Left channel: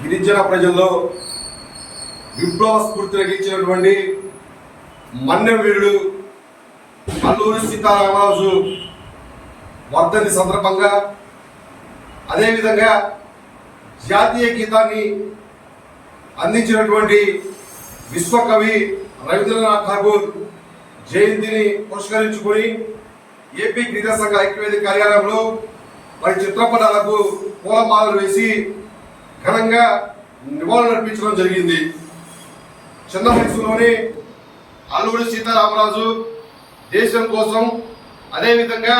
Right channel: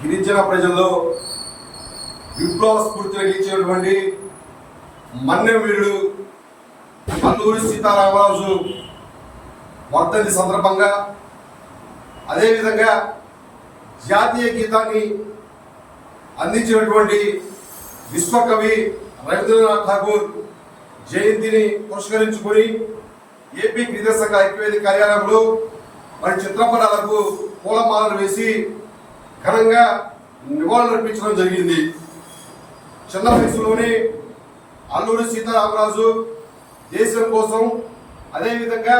గిరిజన ప్రజల్లో విప్లవ స్ఫూర్తి రగిలించినటువంటి మన్నె వీరుడు అల్లూరి సీతారామరాజు వర్ధంతి సందర్భంగా, అదేవిధంగా జాతీయ గీతాన్ని అందించినటువంటి విశ్వకవి రవీంద్రనాథ్ ఠాగూర్ జయంతిని పురస్కరించుకొని ఏపీ గిరిజన సంఘ ఐక్యవేదిక కార్యాలయంలో వారి చిత్రపటాలకు పూలమాలలు వేసి ఘనంగా నివాళులర్పించడం జరిగింది. చిన్న వయసులోనే అల్లూరి సీతారామరాజు దేశం కోసం, అదేవిధంగా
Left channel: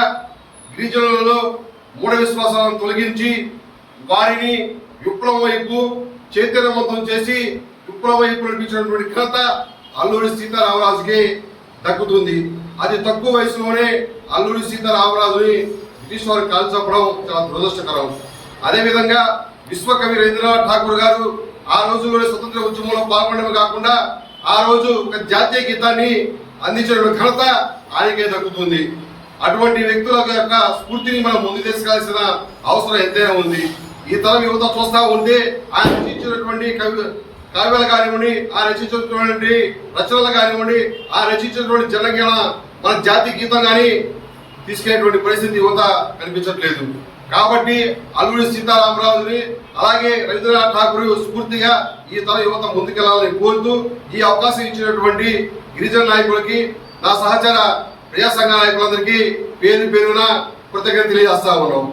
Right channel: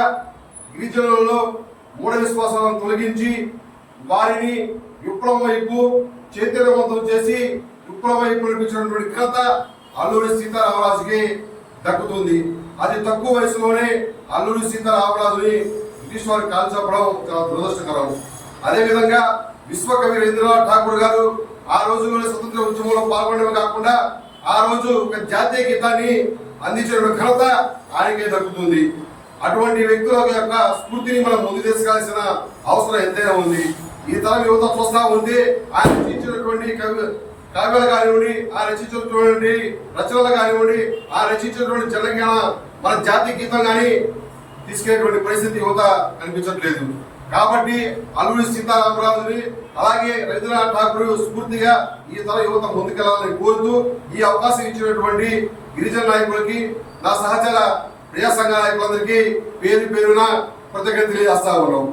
గిరిజనులలో మూఢ విశ్వాసాలను తొలగించి వారిని విప్లవం వైపు చైతన్యవంతం చేసి విప్లవం వైపు నడిపించినటువంటి ఘనత అల్లూరి సీతారామరాజుకి దక్కుతుంది. అతి తక్కువ వయసులోనే అల్లూరి సీతారామరాజుని బ్రిటిష్ వారు కాల్చపడం చాలా దురదృష్టకరం. అదేవిధంగా విశ్వకవి రవీంద్రనాథ్ ఠాగూర్ గారు ఆ రోజుల్లోనే స్వతంత్ర ఉద్యమంలో పాల్గొనడమే కాకుండా ఆ రోజు ఒక జాతీయ గీతాన్ని అందించిన ఘనత ఆయనకే దక్కుతుంది. అటువంటి వ్యక్తుల యొక్క స్ఫూర్తిని మనం ముందు తీసుకెళ్లాల్సిన అవసరం ఎంతైనా ఉంది. ఈ తరం యువత చూస్తా ఉంటే ఆయన రచించినటువంటి కావ్యాలు కానివ్వండి, ఆ రచించినటువంటి రచనలు కానివ్వండి, ఆ రచించినటువంటి జనగణ మన జాతీయ గీతం కానీ తీసుకెళ్లేటువంటి పరిస్థితి యువత కనిపించట్లేదు. కాబట్టి అల్లూరి సీతారామరాజుని అలాగే రవీంద్రనాథ్ ఠాగూర్ స్ఫూర్తిగా ఈ తర యువత ముందుకెళ్లాలని కోరుతూ ఈ అవకాశం ఇచ్చినటువంటి గిరిజన నాయకులకి, నా సహచర ప్రజా సంఘ నాయకులందరికీ పేరు పేరున కృతజ్ఞతలు తెలియజేస్తా ఉన్నాం.